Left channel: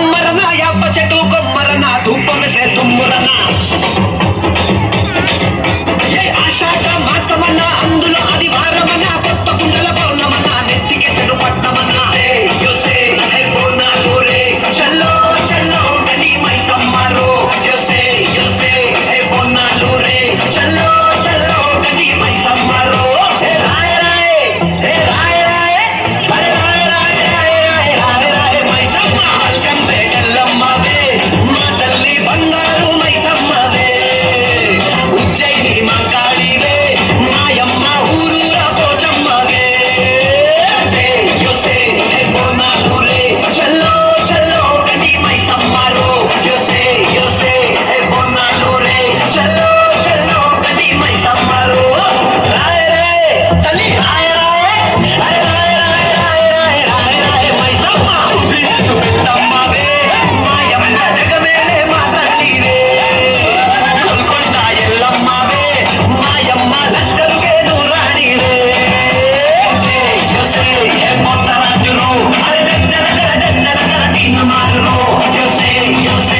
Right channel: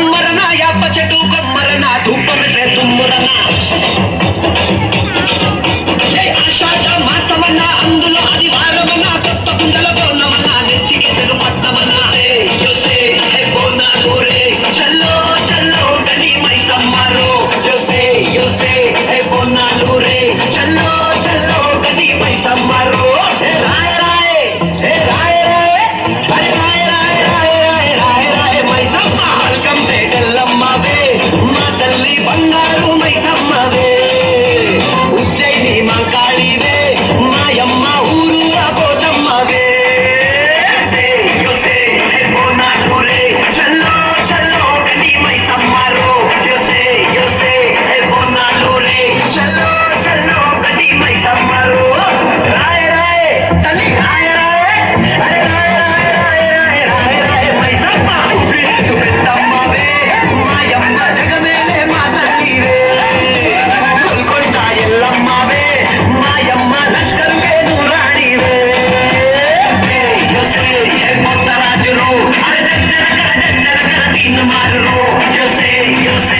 కొమ్మరన యాప చెట్టు కొమ్మరన ధూపం సే తుమ్మరన ఏ ఆషాఢ మాసమన్న అందులో ఆదివారమన్న కొత్త కుండల పౌర్ణమన్న నెత్తికి తెరు పట్టమన్న యోసే హే బోనాలు రే చల్లో చల్లో గడి మైసమ్మరో యోసే యోసే హే బోనాలు రే చల్లో చల్లో గడి మైసమ్మరో రాయ రాయ హే రాయ రాయ అరే రాయ రాయ రాయ రాయ రాయ రాయ మైసమ్మ వెల్కమ్ పేటల్లమ్మవే మా తల్లి బంగారు మైసమ్మవే ఉజ్జయిని మంకాళివే మాయమ్మ ఊరూరా పోచమ్మవే యోసే హే బోనాలు రే చల్లో చల్లో గడి మైసమ్మరో యోసే యోసే హే బోనాలు రే చల్లో చల్లో గడి మైసమ్మరో రాయ రాయ తల్లి రాయ రాయ అరే రాయ రాయ రాయ రాయ రాయ మైసమ్మ చూపిస్తు పెద్దమ్మవే మాయమ్మ జగమేలే మా తల్లివే గోల్కొండ ఎల్లమ్మవే మాయమ్మ లష్కరుకే నూరాణివే యోసే హే మొత్తరాజురు అరే జజ్జనకర దీన మారురు యోసే యోసే